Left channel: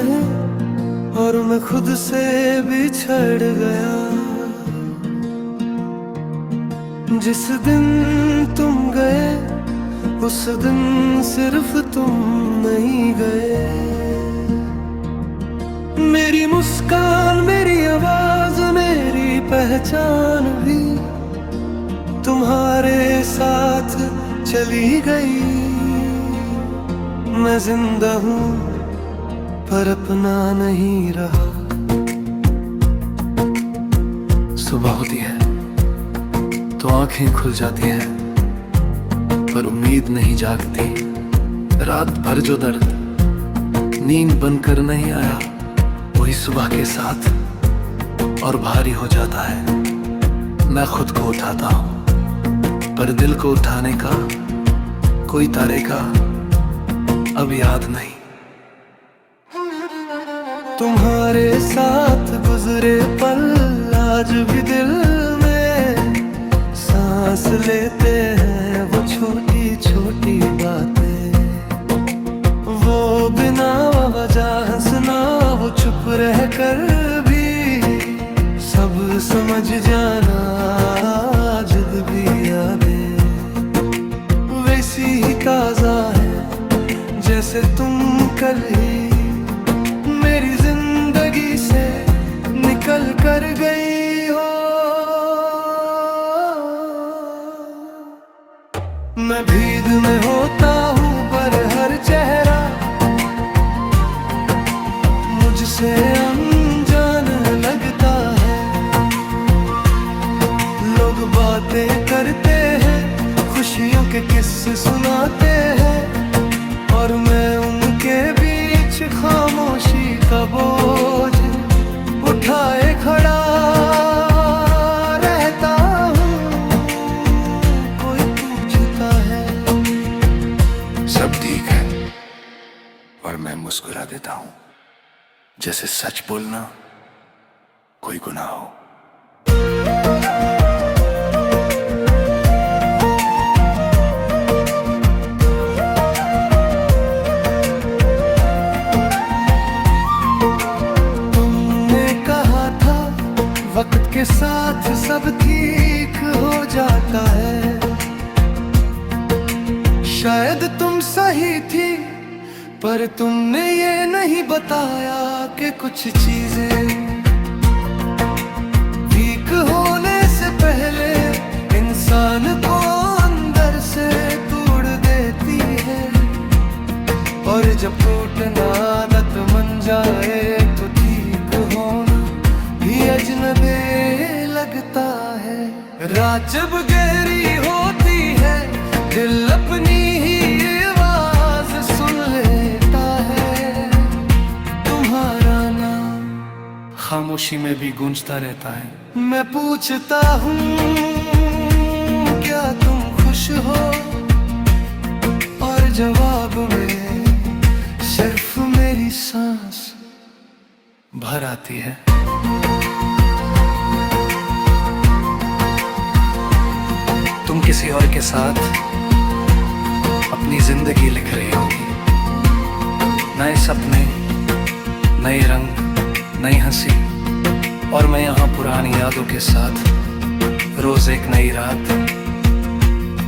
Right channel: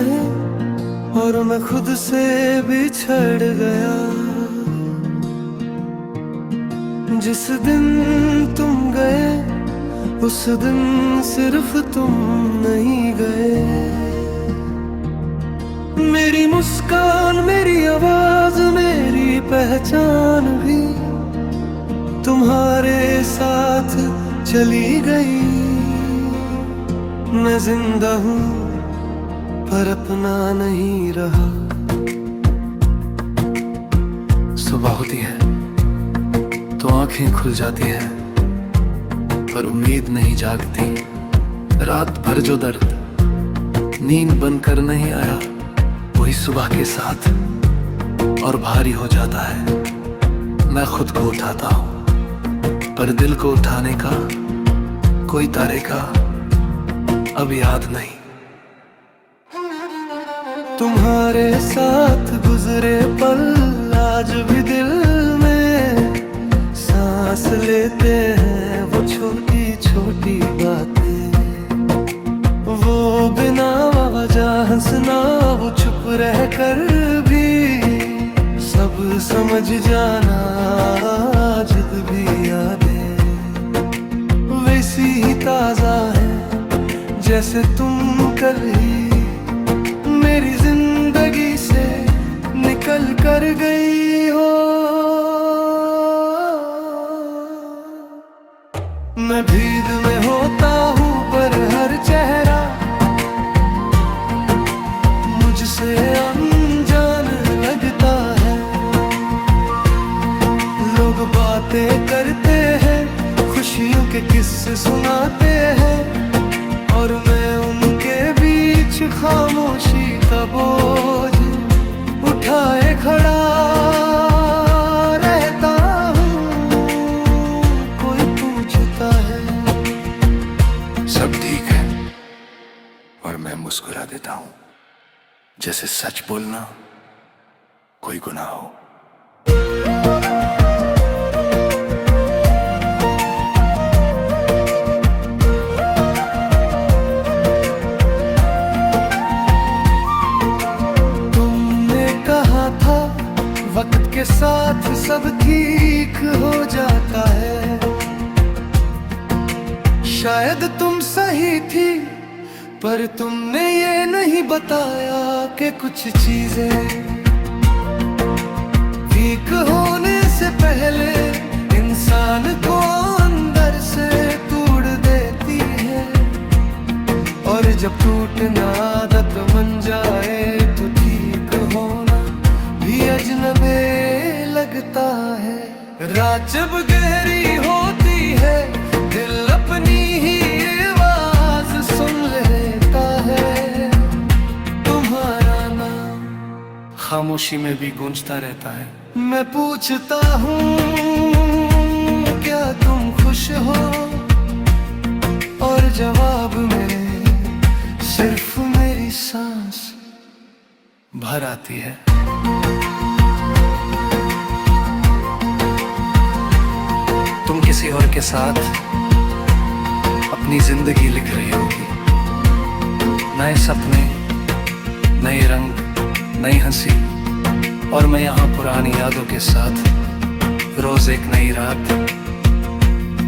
राहें और मैं खुद से बिछड़ गया। जिस दिन तुम गए उस दिन सिर्फ तुम नहीं गए। मेरी मुस्कान, मेरी आवाज, मेरी पहचान भी तुम्हारे साथ चली गई। मैं जिंदा हूँ पर अपना नहीं रहा। सुबह होती है तो आंखें खुल जाती है, पर उम्मीद नहीं जागती। रात भर जो दर्द नींद बनकर नहीं आया, वही सुबह के साथ और भारी हो जाता है। मैं खुद को उठाता हूँ, पर दिल को उठाने का कोई तरीका अब याद नहीं। तुम्हारे साथ गुजरे पल आज भी दिल में सांस लेते हैं। वो छोटी छोटी बातें, वो बिना वजह हंसना, वो चुप रह कर भी सब समझ जाना। जिद भी यादें वैसी ही ताजा है जैसे तुम कल ही मेरी जिंदगी से निकल कर गई हो। मैं भीग में होता हूँ पर हर चेहरा मुझसे अनजान लगता है। लोग बातें करते हैं, खुशियों के किस्से सुनाते हैं, और मैं उनके बीच खामोशी का बोझ उठाए खड़ा रहता हूँ। कोई पूछता है सब ठीक है और मैं मुस्कुरा देता हूँ, जैसे सच बोलना कोई गुनाह हो। वक्त के साथ सब ठीक हो जाता है। शायद तुम सही थी, पर तुमने ये नहीं बताया कि कुछ चीजें वीक होने से पहले इंसान को अंदर से तोड़ देती है। और जब टूटना आदत बन जाए तो ठीक होना भी अजनबी लगता है। रात जब गहरी होती है, दिल अपनी ही आवाज सुन लेता है। तुम्हारा नाम खामोशी में भी गूंजता रहता है। मैं पूछता हूँ क्या तुम खुश हो, और जवाब में सिर्फ मेरी सांस भर आती है। तुम किसी और के साथ अपनी जिंदगी लिख रही होगी। नए सपने, नए रंग, नई हंसी, और मैं यहाँ पुरानी यादों के साथ रोज एक नई रात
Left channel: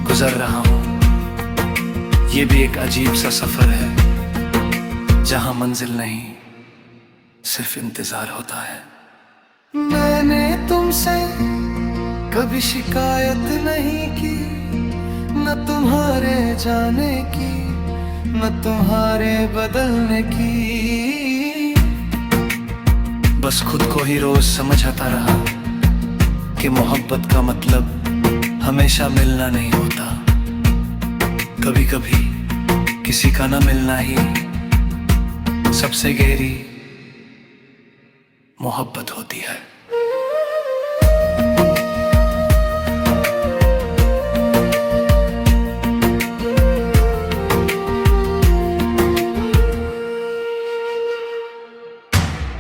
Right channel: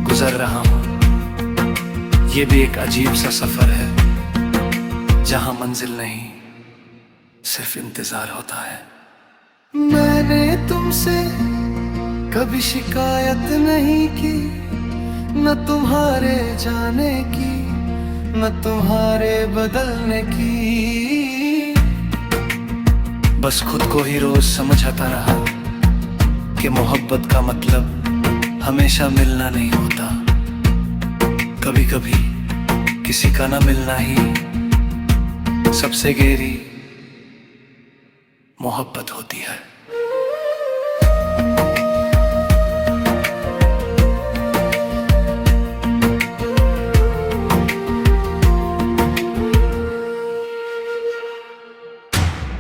गुजर रहा हूँ। ये भी एक अजीब सा सफर है जहाँ मंजिल नहीं, सिर्फ इंतजार होता है। मैंने तुमसे कभी शिकायत नहीं की, न तुम्हारे जाने की, न तुम्हारे बदलने की। बस खुद को ही रोज समझाता रहा कि मोहब्बत का मतलब हमेशा मिलना नहीं होता। कभी कभी किसी का ना मिलना ही सबसे गहरी मोहब्बत होती है।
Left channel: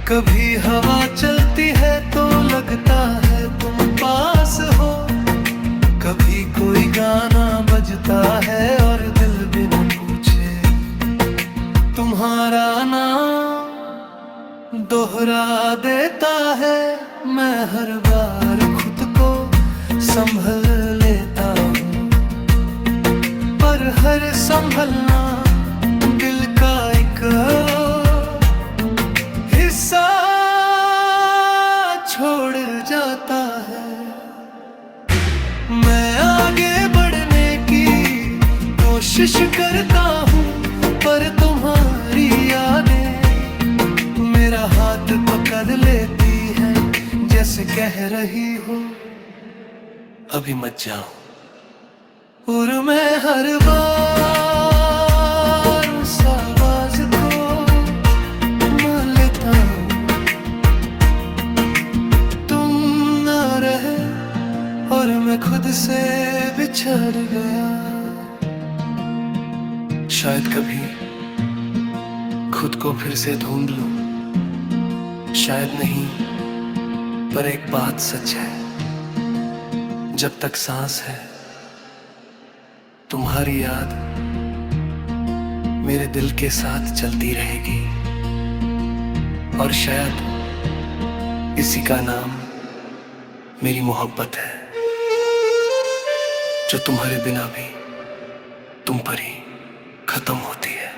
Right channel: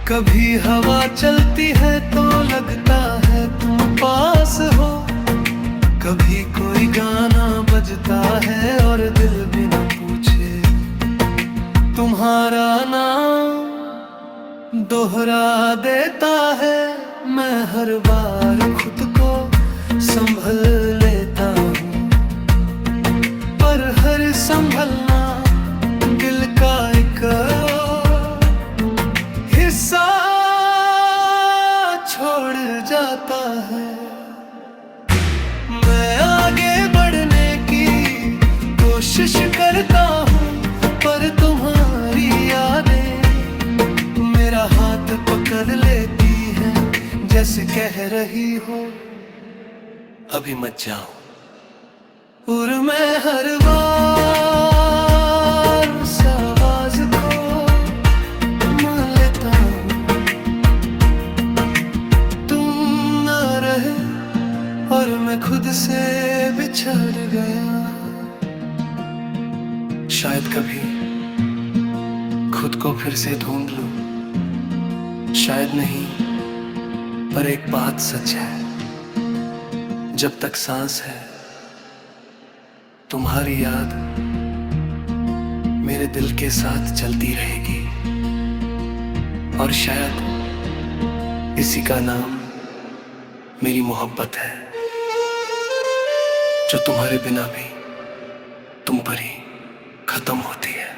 कभी हवा चलती है तो लगता है तुम पास हो, कभी कोई गाना बजता है और दिल भी न पूछे तुम्हारा नाम दोहरा देता है। मैं हर बार खुद को संभल लेता हूँ, पर हर संभलना दिल का एक हिस्सा छोड़ जाता है। मैं आगे बढ़ने की कोशिश करता हूँ, पर तुम्हारी यादें मेरा हाथ पकड़ लेती है, जैसे कह रही हो अभी मत जाओ। और मैं हर बार उस आवाज को मान लेता हूँ, तुम ना रहे और मैं खुद से बिछड़ गया। शायद कभी खुद को फिर से ढूंढ लूं, शायद नहीं, पर एक बात सच है, जब तक सांस है तुम्हारी याद मेरे दिल के साथ चलती रहेगी। और शायद इसी का नाम मेरी मोहब्बत है, जो तुम्हारे बिना भी तुम पर ही खत्म होती है।